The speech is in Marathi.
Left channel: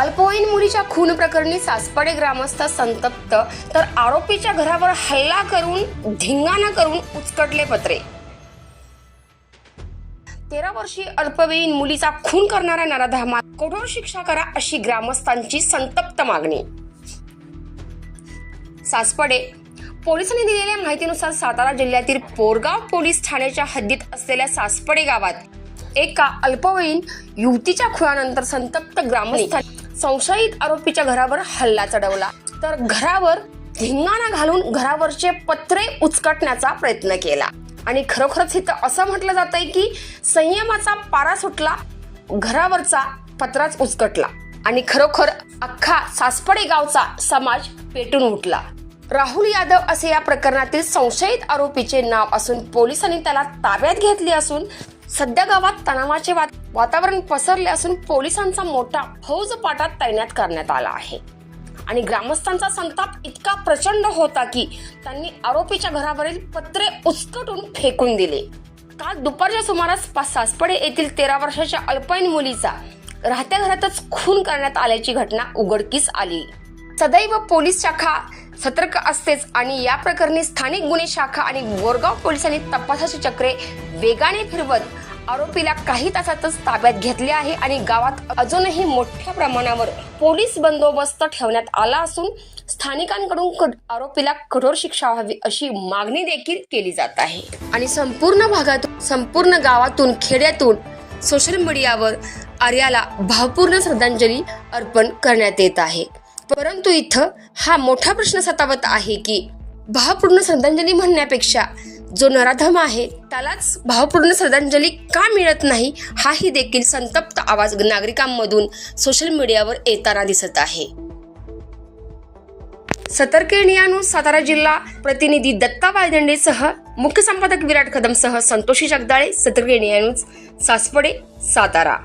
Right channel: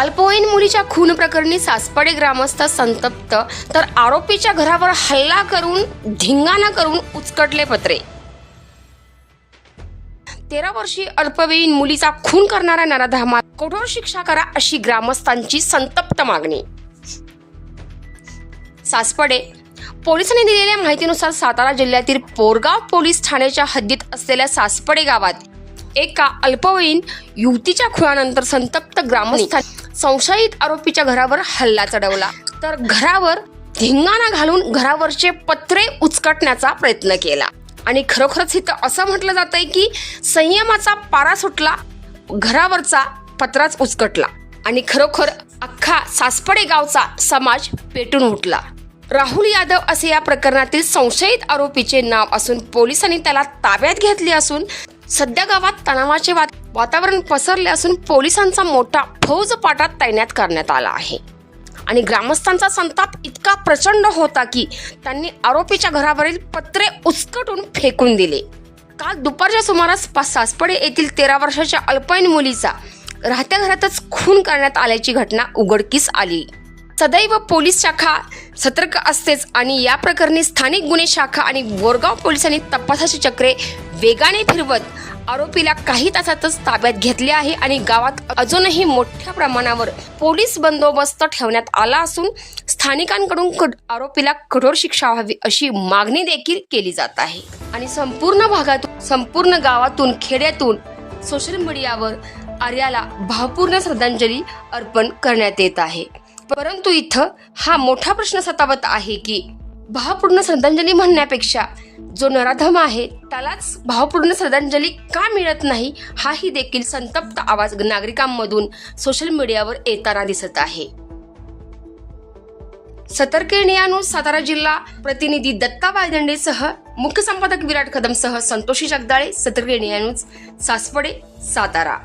अल्पवयीन मुलीच्या खून प्रकरणी सासपडे ग्रामस्थ संतप्त तर आरोपीच्या घरावर हल्ला करून धिंगाणा करून उचकटले पत्रे. तेरा वर्षीय अल्पवयीन मुलीचा खून करणाऱ्या नराधामात कठोर शिक्षा करा अशी ग्रामस्थांची संतप्त मागणी. सासपडे पोलिसांनी दिलेल्या माहितीनुसार सातारा जिल्ह्यातील पोरगाव पोलीस ठाण्याच्या हद्दीत असलेल्या सासपडे गावात एका अल्पवयीन युवतीच्या खुनानंतर संतप्त ग्रामस्थांनी संशयित आरोपीच्या घरावर हल्ला चढवला. तर घरावर धिंगाणा घालून घरावरचे पत्रे उचकटण्याचा प्रयत्न केला. आणि खरोखरच इथं असं म्हटलं जात आहे की संयमाचा पारा सुटला घरावरचा पत्राच उचकटला आणि खरोखर अख्खा सासपडे गावचा समाज पेटून उठला. राहुल यादव असे या प्रकरणातील संशयित आरोपीचे नाव असून पोलिसांनी त्याला ताब्यात घेतले असून सध्या गावात तणावाचे वात- वातावरण पसरले असून पोलिसांचा मोठा फौज पाटात तैनात करण्यात आला आहे. आणि ग्रामस्थांचा संताप इतका प्रचंड होता की त्यांनी आरोपीच्या घरावरील पत्रे उचकटून फेकून दिले. काल दुपारच्या सुमारास सासपडे येथील तेरा वर्षाच्या अल्पवयीन मुलीचा राहत्या घरातच खून करण्यात आल्याची घटना उघडकीस आली. सदैव पोलीस शाखा सतर्क असतेच आणि या प्रकरणी स्थानिक गुन्हे शाखा आणि बोरगाव पोलिसांनी तपासाची चक्रे वेगाने फिरवत आरोपीला काही तासातच ताब्यात घेतले आहे आणि गावात अजूनही मोठ्या प्रमाणावर पोलीस बंदोबस्त ठेवण्यात आला असून स्थानिकांकडून कड- आरोपीला कठोर शिक्षा व्हावी अशी मागणी देखील केली जात आहे. आणि संपूर्ण भागातून संपूर्ण गावातून खेड्यातून सोशल मीडियावर आर्याला भावपूर्ण श्रद्धांजली अर्पण करण्यात येत आहे. परंतु इथं हा मोठा प्रश्न सतावत आहे की भावपूर्ण श्रद्धांजली म्हणण्यापेक्षा जो नराधम आहे त्यालाच भावपूर्ण श्रद्धांजली का मिळत नाही हाही देखील संतप्त आवाज नागरिकांमधून सोशल मीडियावर येताना दिसत आहे. सतर्केनिया सातारा जिल्हा प्रतिनिधी दत्ता वायदंडेसह मुख्य संपादक विराट कदमसह संतोषी जगदाळे सतर्केनिया न्यूज सातारा.